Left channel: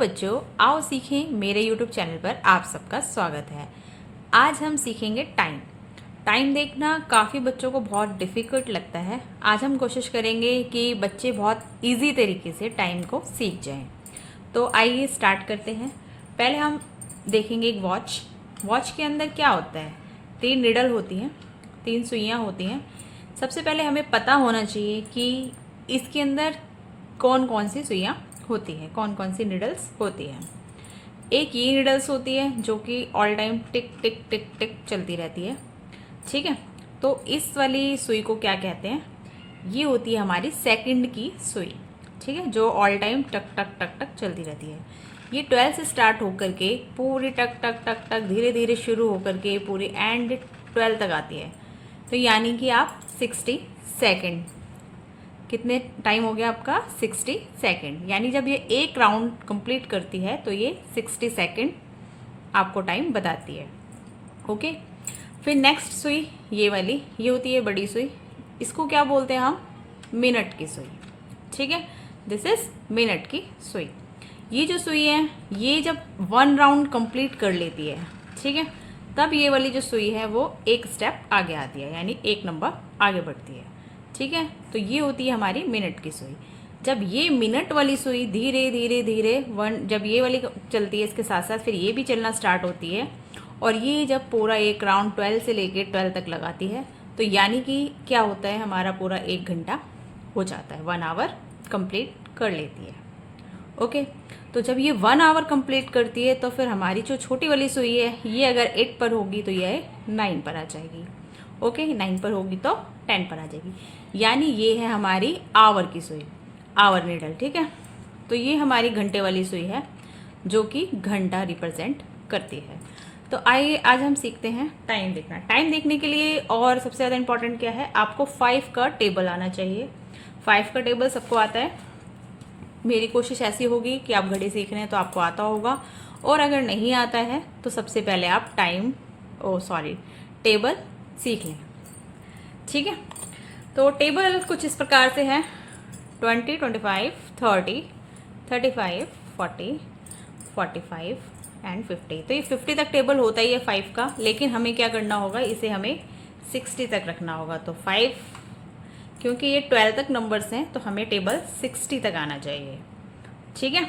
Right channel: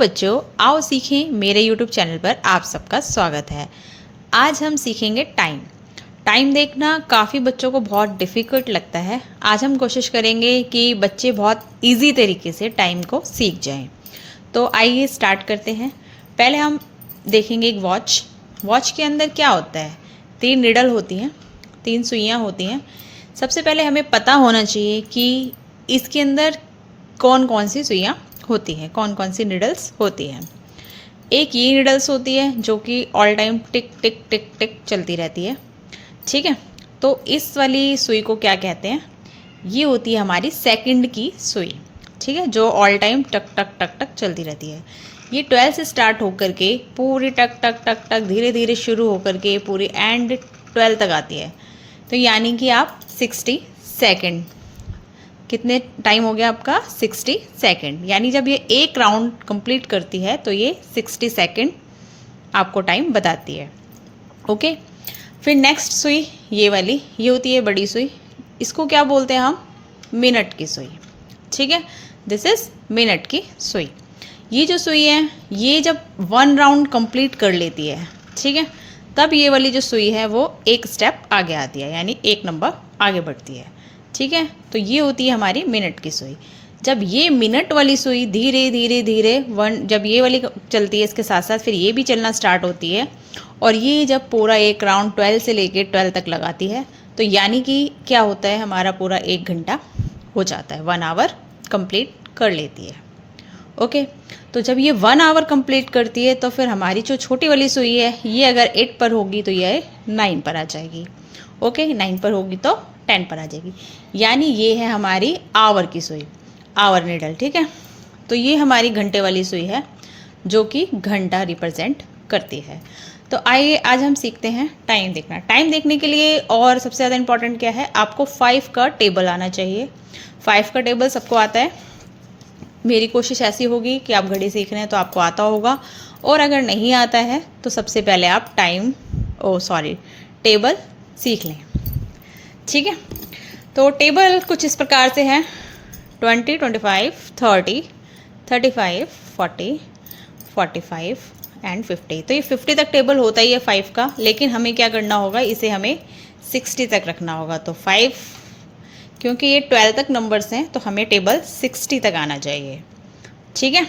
बच्चों, आओ सीखें। मेरे YouTube चैनल पर आप सबका स्वागत है। आज हम सीखेंगे टाइम देखना काफ़ी बच्चों को बहुत डिफ़िकल्ट लगता है। आज हम कोशिश करेंगे कि बच्चे बहुत इजी तरीके से टाइम को सीख जाएं। तो आइए स्टार्ट करते हैं। पहले हम देखेंगे एक वॉच के अंदर क्या होता है। 3 निडल होती हैं, 3 सुइयाँ होती हैं। सबसे पहले हमें पता होना चाहिए कि इसके अंदर कौन कौन सी सुइयाँ होती हैं, कौन कौन सी निडल्स होती हैं। एक ये निडल्स होती है जो कि ऑल टाइम टिक टिक टिक टिक चलती रहती है, ठीक है। तो इस वाली सुई को क्या कहते हैं, ये होती है हमारी सेकंड की सुई, ठीक है, जो ऑल टाइम टक टक टक टक चलती रहती है। ये 12 से स्टार्ट होकर के पूरी टक टक टक टक धीरे धीरे शुरू होकर के पूरी एंड 12 तक आती है। तो यानी कि आप 60 सेकेंड, कितने टाइम हो गया आपका 60 सेकेंड, यानी जब ये एक राउंड कंप्लीट करती है तो ये 60 सेकेंड आपको टाइम बताती है। ओके, फिर नेक्स्ट सुई ये वाली, ये होती है बड़ी सुई। इसको क्या बोलते हैं हम, मिनट की सुई, ठीक है। दिस इज़ मिनट की सुई। ये जो सुई है ये जब 1 राउंड कंप्लीट कर लेती है, ठीक है, तब ये वाली जो सुई है वो एक स्टेप आगे आती है, यानी एक नंबर आगे बढ़ती है, ठीक है। तो ये होती है हमारी मिनट की सुई। जब ये मिनट वाली सुई धीरे धीरे धीरे जब ये वाली चलती है, इसके साथ साथ फिर ये भी चलना स्टार्ट होती है, और ये जब पूरा एक राउंड 12 से लेके 12 तक लगाती है, तो यानी कि क्या होता है, हमारा पूरा 1 घंटा हो जाता है, 1 आवर कंप्लीट कर लेती है। ओके, तो जब ये 1 आवर कंप्लीट करती है तो फिर हमारी जो छोटी वाली सुई है ये अगर 8 पर होगी तो ये 9 पर आ जाएगी। ओके, 9 पर होगी तो 10 पर आ जाएगी, यानी ये है हमारी आवर की सुई, आवर निडल, ठीक है। तो ये हमारी घंटे वाली सुई है जो कि घंटा रिप्रेजेंट करती है। तो आइए आज हम सीखते हैं टाइम देखना। टाइम देखने के लिए और सबसे ज़्यादा इम्पॉर्टेंट क्या है, आपको 5 का टेबल आना चाहिए। 5 का टेबल सबको आता है। मेरी कोशिश ऐसी होगी कि आप घड़ी सीख रहे हैं तो आपको आता होगा, और अगर नहीं आता है तो सबसे पहले आप टेबल सीख लें, ठीक है। तो टेबल कुछ इस प्रकार से है, 20, 25, 30, 35, 40, 45 एंड 50। तो ये 50 तक टेबल होता ही है 5 का, लेकिन हमें क्या करना होगा, इसे हमें 60 तक रखना होगा। तो 5, क्योंकि ये 12 तक नंबर्स हैं तो हमें टेबल 60 तक आना चाहिए, ठीक है।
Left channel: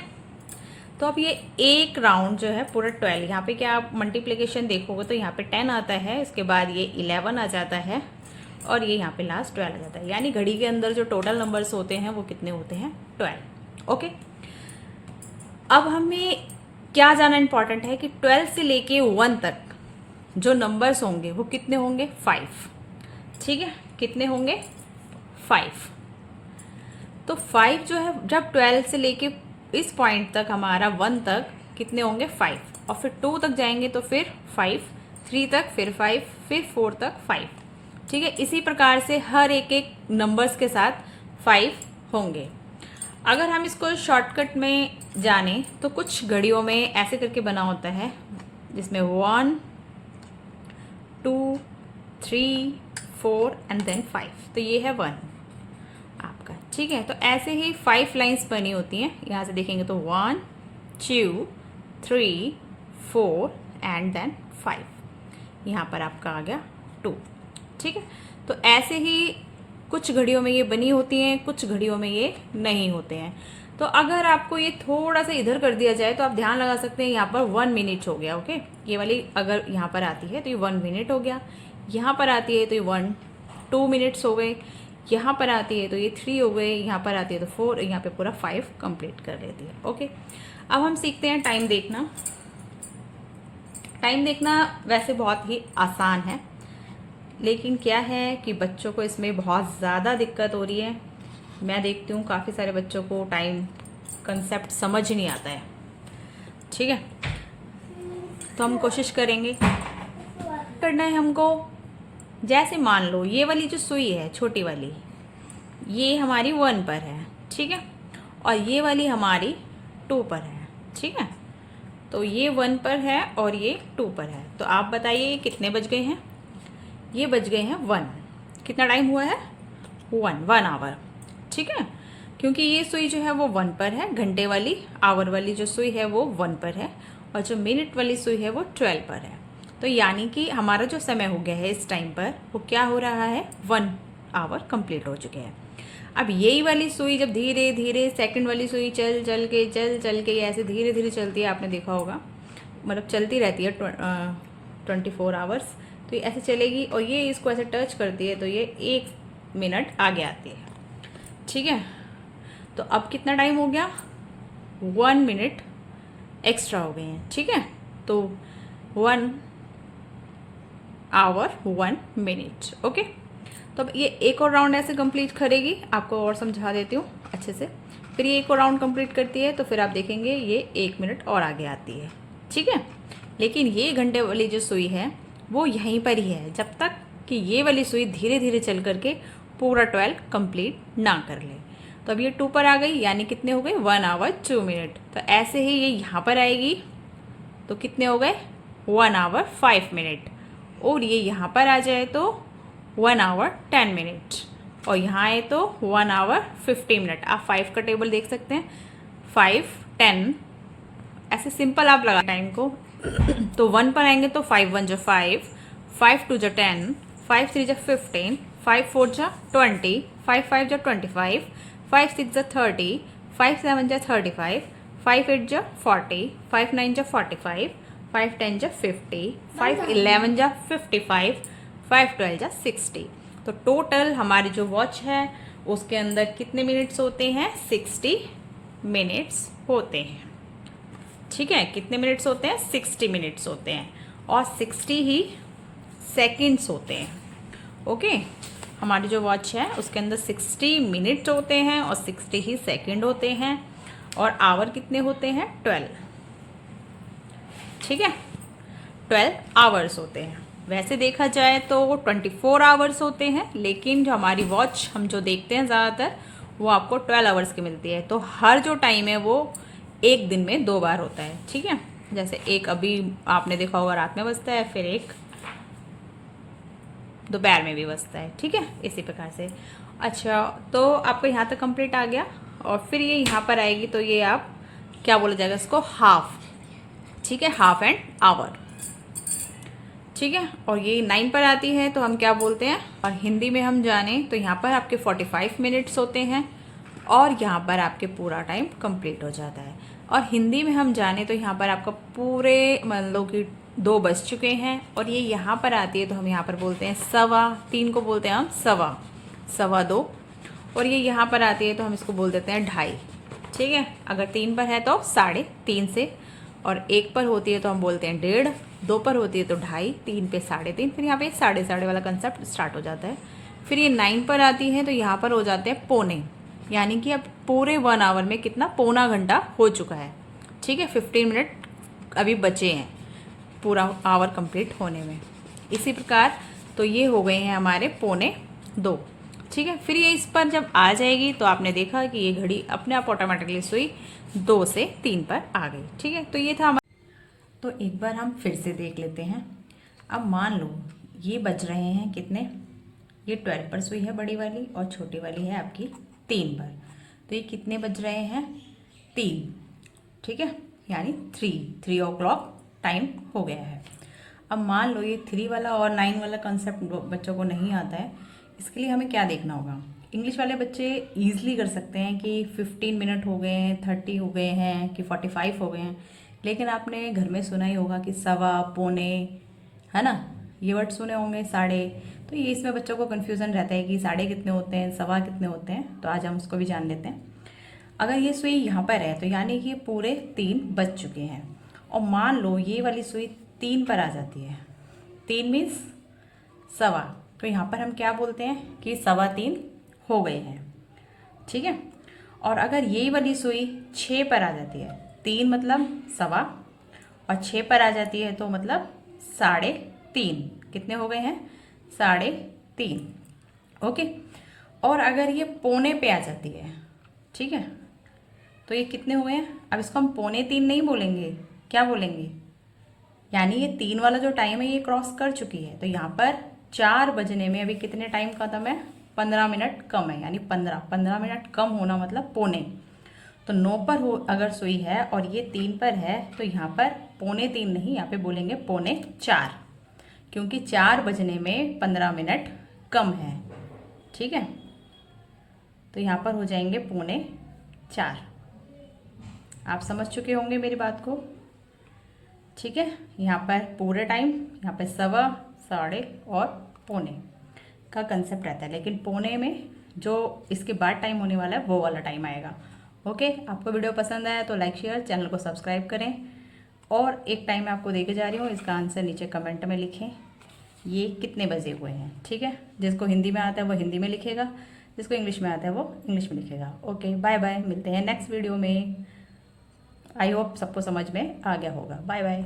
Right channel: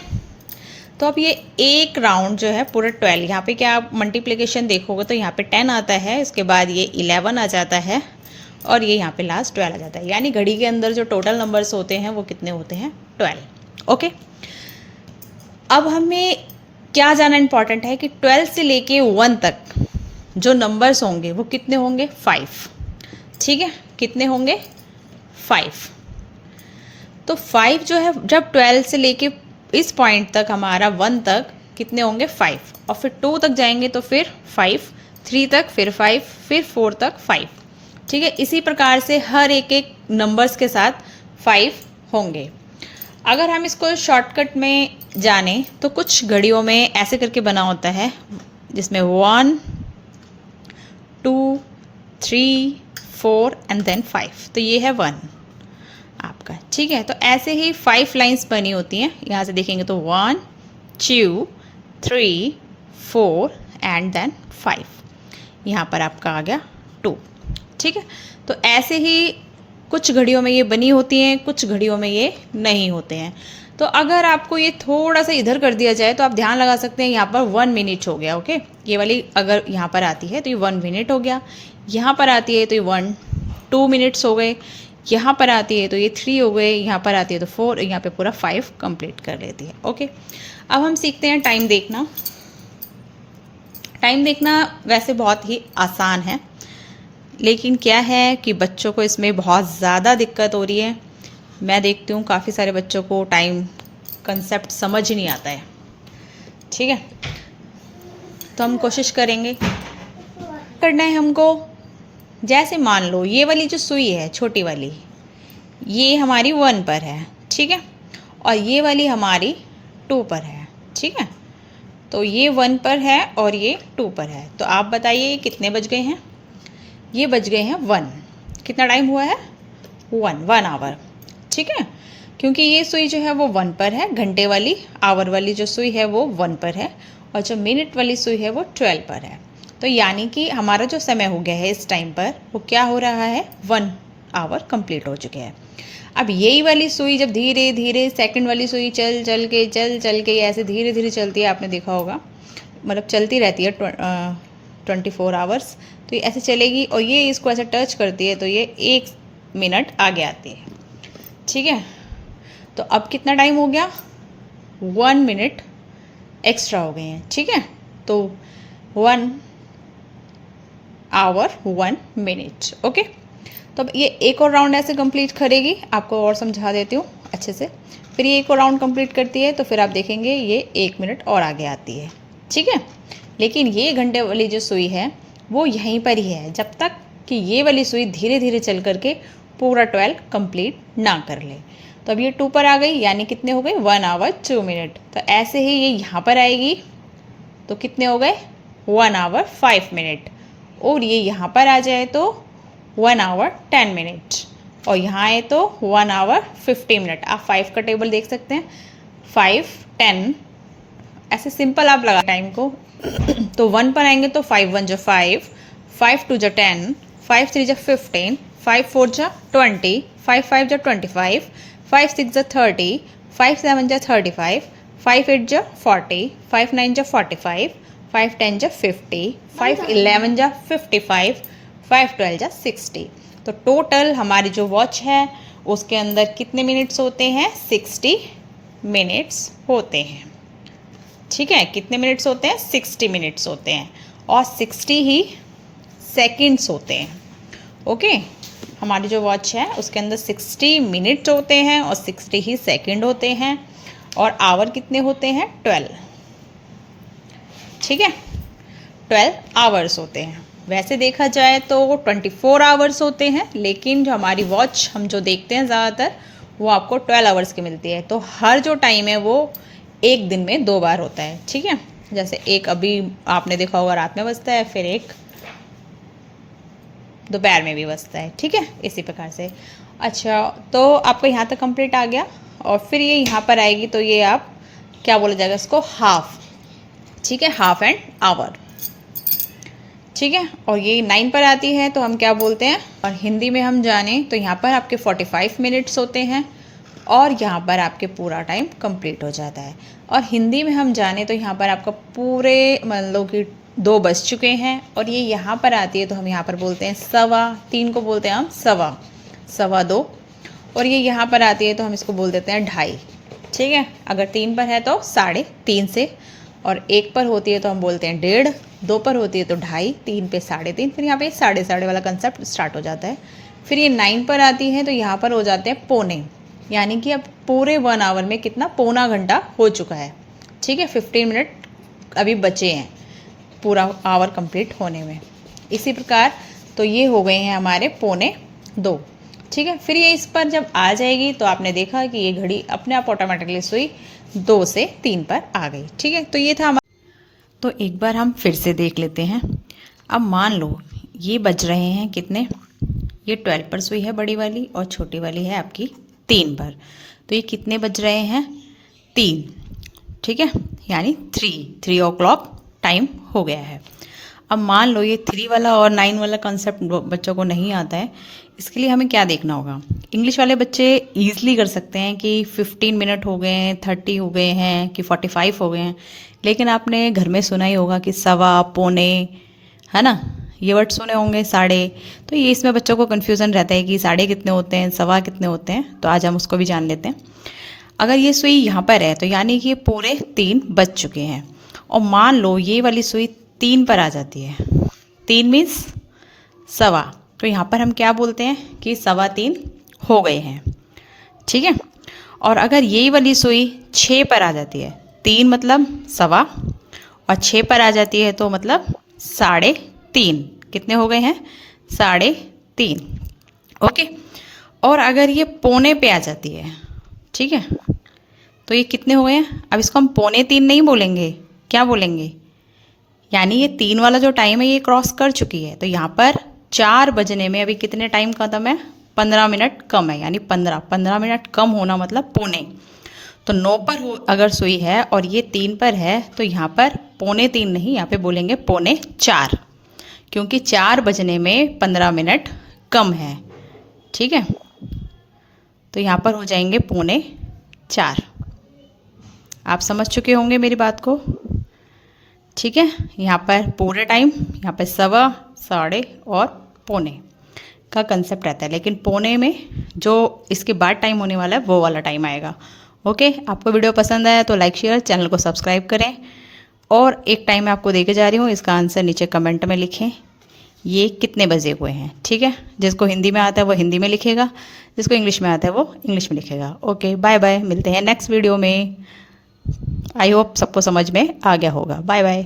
तो अब ये एक राउंड जो है पूरा 12, यहाँ पे क्या आप मल्टीप्लिकेशन देखोगे तो यहाँ पे 10 आता है, इसके बाद ये 11 आ जाता है, और ये यहाँ पे लास्ट 12 आ जाता है, यानी घड़ी के अंदर जो टोटल नंबर्स होते हैं वो कितने होते हैं, 12। ओके, अब हमें क्या जानना इम्पॉर्टेंट है कि 12 से लेके 1 तक जो नंबर्स होंगे वो कितने होंगे, 5, ठीक है। कितने होंगे, 5। तो 5 जो है जब 12 से लेके इस पॉइंट तक हमारा 1 तक कितने होंगे, 5, और फिर 2 तक जाएंगे तो फिर 5, 3 तक फिर 5, फिर 4 तक 5, ठीक है। इसी प्रकार से हर एक नंबर्स के साथ 5 होंगे। अगर हम इसको शॉर्टकट में जाने तो कुछ घड़ियों में ऐसे करके बना होता है जिसमें 1, 2, 3, 4 एंड देन 5, तो ये है 1 आपका, ठीक है। तो ऐसे ही 5 लाइंस बनी होती हैं, यहाँ से देखेंगे तो 1, 2, 3, 4 एंड देन 5, यहाँ पर आपका आ गया 2, ठीक है। तो ऐसे ही कुछ घड़ियों में ये बनी होती हैं, कुछ घड़ियों में ये नहीं होते हैं। तो अगर आपको ये थोड़ा सा इधर कर दिया जाए तो आप ध्यान लगा सकते हैं, यहाँ पर 1 मिनट हो गया। ओके, ये वाली अगर यहाँ पर आती है तो ये 1 मिनट हो गया, यहाँ पर आती है तो ये 2 मिनट्स हो गए, यहाँ पर आती है तो ये 3 हो गए, यहाँ पर आती है तो 4, यहाँ पे पूरा 5 कंप्लीट कर लेती है। ओके, अब हम सीखते हैं टाइम देखना। टाइम देखना वैसे बहुत ही आसान है, लेकिन क्या है कि बच्चों को इसमें बहुत ज़्यादा दिक्कत हो रही है। मैं देखती हूँ काफ़ी सारे बच्चों को टाइम कंसेप्ट समझ ही नहीं आता है, ठीक है। तो हम कोशिश करेंगे, करना है हमको, जैसे मान लो ये वाली जो सुई है छोटी वाली, ये हमारी 1 पर है, ठीक है, और ये वाली हमारी 2 पर है, ठीक है। तो ये 1 पर है और ये 2 पर है। तो आप बताइए कितने बज गए हैं, ये बज गए हैं 1। कितना टाइम हुआ है, 1 आवर, ठीक है। क्योंकि ये सुई जो है वो 1 पर है, घंटे वाली आवर वाली जो सुई है वो 1 पर है, और जो मिनट वाली सुई है वो 12 पर है। तो यानी कि हमारा जो समय हो गया है इस टाइम पर वो क्या हो रहा है, 1 आवर कंप्लीट हो चुके हैं। अब यही वाली सुई जब धीरे धीरे सेकंड वाली सुई चल चल के ऐसे धीरे धीरे चलती है, आपने देखा होगा, मतलब चलती रहती है 24 आवर्स, तो ये ऐसे चलेगी और ये इसको ऐसे टच करती है तो ये 1 मिनट आगे आती है। ठीक है, तो अब कितना टाइम हो गया, 1 मिनट एक्स्ट्रा हो गए हैं। ठीक है, तो 1 आवर 1 मिनट। ओके, तो अब ये एक और राउंड ऐसे कंप्लीट करेगी, आपको और समझा देती हूँ अच्छे से। फिर ये एक और राउंड कंप्लीट करती है तो फिर आप देखेंगे ये 1 मिनट और आगे आती है। ठीक है, लेकिन ये घंटे वाली जो सुई है वो यहीं पर ही है जब तक कि ये वाली सुई धीरे धीरे चल करके पूरा 12 कंप्लीट ना कर ले। तो अब ये 2 पर आ गई, यानी कितने हो गए, 1 आवर 2 मिनट। तो ऐसे ही ये यहाँ पर आएगी तो कितने हो गए, 1 आवर 5 मिनट, और ये यहाँ पर आ जाए तो 1 आवर 10 मिनट, और यहाँ आए तो 1 आवर 50 मिनट। आप 5 का टेबल देख सकते हैं, 5 10, ऐसे सिंपल आप लगा टाइम को। तो 1 पर आएंगे तो 5 1 जो 5, 5 2 जो 10, 5 3 जो 15, 5 4 जो 20, 5 5 जो 25, 5 6 जो 30, 5 7 जो 35, 5 8 जो 40, 5 9 जो 45, 5 10 जो 50, 5 11 जो 55, 5 12 जो 60। तो टोटल हमारी जो वॉच है उसके अंदर कितने मिनट्स होते हैं, 60 मिनट्स होते हैं। ठीक है, कितने मिनट्स होते हैं, 60 मिनट्स होते हैं, और 60 ही सेकंड्स होते हैं। ओके, हमारी जो वॉच है उसके अंदर 60 मिनट्स होते हैं और 60 ही सेकंड होते हैं, और आवर कितने होते हैं, 12। ठीक है, 12 आवर्स होते हैं। वैसे देखा जाए तो 24 आवर्स होते हैं, लेकिन जो हमारी वॉच हम जो देखते हैं ज़्यादातर वो आपको 12 आवर्स की मिलती है। तो हर जो टाइम है वो एक दिन में 2 बार होता है। ठीक है, जैसे एक अभी आपने देखा होगा रात में बजता है, फिर एक दोपहर में भी बजता है। ठीक है, इसी प्रकार से। अच्छा, तो आपका यहाँ तक कंप्लीट आ गया, और फिर ये यहाँ पर आएगी तो ये आप क्या बोला जाएगा इसको, हाफ। ठीक है, हाफ एंड आवर। ठीक है, और ये 9 पर आती है तो हम क्या बोलते हैं, और हिंदी में हम जाने तो यहाँ पर आपके 45 मिनट्स होते हैं, और यहाँ पर आपके पूरा टाइम कंप्लीट हो जाता है। और हिंदी में हम जाने तो यहाँ पर आपका पूरे मान लो कि 2 बज चुके हैं, और ये यहाँ पर आती है तो हम यहाँ पर बोलते हैं 3:15 को बोलते हैं हम 2:15, और ये यहाँ पर आती है तो हम इसको बोल देते हैं 2:30। ठीक है, अगर 3 पर है तो 3:30 से, और 1 पर होती है तो हम बोलते हैं 1:30, 2 पर होती है तो 2:30, 3 पे 3:30, फिर यहाँ पे 3:30 वाला कंसेप्ट स्टार्ट हो जाता है। फिर ये 9 पर आती है तो यहाँ पर हो जाते हैं पौने, यानी कि अब पूरे 1 आवर में कितना, पौना घंटा हो चुका है। ठीक है, 15 मिनट अभी बचे हैं पूरा आवर कंप्लीट होने में। इसी प्रकार तो ये हो गए हैं हमारे 1:45। ठीक है, फिर ये इस पर जब आ जाएगी तो आपने देखा कि ये घड़ी अपने आप ऑटोमेटिकली सुई 2 से 3 पर आ गई। ठीक है, तो ये था हमारा। तो एक बार हम फिर से देख लेते हैं। अब मान लो ये बज रहे हैं कितने, ये 12 पर सुई है बड़ी वाली, और छोटी वाली है आपकी 3 पर। तो ये कितने बज रहे हैं, 3। ठीक है, यानी 3 o'clock टाइम हो गया है। अब मान लो ये 3 वाला और 9 वाला कंसेप्ट बच्चों को नहीं आता है, इसके लिए हमें क्या देखना होगा। इंग्लिश वाले बच्चे ईजिली कर सकते हैं कि 15 मिनट हो गए हैं, 30 हो गए हैं, कि 45 हो गए हैं, लेकिन आपने घर में सुना ही होगा कि सवा, पौने, है ना, ये वर्ड सुने होंगे, साढ़े। तो ये इसमें बच्चों को कन्फ्यूज़न रहता है कि साढ़े कितने होते हैं, सवा कितने होते हैं। तो आज हम उसको भी जान लेते हैं। अगर ये सुई यहाँ पर है तो यानी कि पूरे 3 बज चुके हैं, और मान लो ये वाली सुई 3 पर आ जाती है, 3 मीन्स सवा, तो यहाँ पर हम क्या बोलते हैं कि 3:15 हो गए हैं। ठीक है, और अगर यही वाली सुई 6 पर आ जाती है, 3 मतलब सवा, और 6 पर आ जाती है तो मतलब 3:30, कितने हो गए हैं, 3:30। ओके, और अगर ये पौने पे आ जाती है, ठीक है, तो ये कितने हो गए हैं। अब इसको हम 2:45 नहीं बोलेंगे, क्या बोलेंगे, यानी ये 3 वाला जो टाइम है ये क्रॉस कर चुकी है। तो यहाँ पर 4 बजने में अभी कितने टाइम खत्म है, 15 मिनट कम है, यानी 15 मिनट कम होना मतलब पौने। तो 9 पर हो अगर सुई है और ये 3 पर है तो यहाँ पर पौने 3 नहीं, यहाँ पे बोलेंगे पौने 4, क्योंकि 4 बजने में 15 मिनट कम है। ठीक है, तो यहाँ पर हो जाएंगे पौने 4। आप समझ चुके होंगे मेरी बात को। ठीक है, यहाँ पर पूरे टाइम, यहाँ पर सवा, साढ़े और पौने का कंसेप्ट रहता है, लेकिन पौने में जो इसके बाद टाइम होने वाला है वो वाला टाइम आएगा। ओके, आपको वीडियो पसंद आया तो लाइक शेयर, चैनल को सब्सक्राइब करें। और एक टाइम मैं आपको देके जा रही हूँ, इसका आंसर नीचे कमेंट में लिखें, ये कितने बजे हुए हैं। ठीक है, जिसको हिंदी में आता है वो हिंदी में लिखेगा, जिसको इंग्लिश में आता है वो इंग्लिश में लिखेगा। ओके, बाय बाय, मिलते हैं नेक्स्ट वीडियो में। आई होप सबको समझ में आ गया होगा। Bye bye.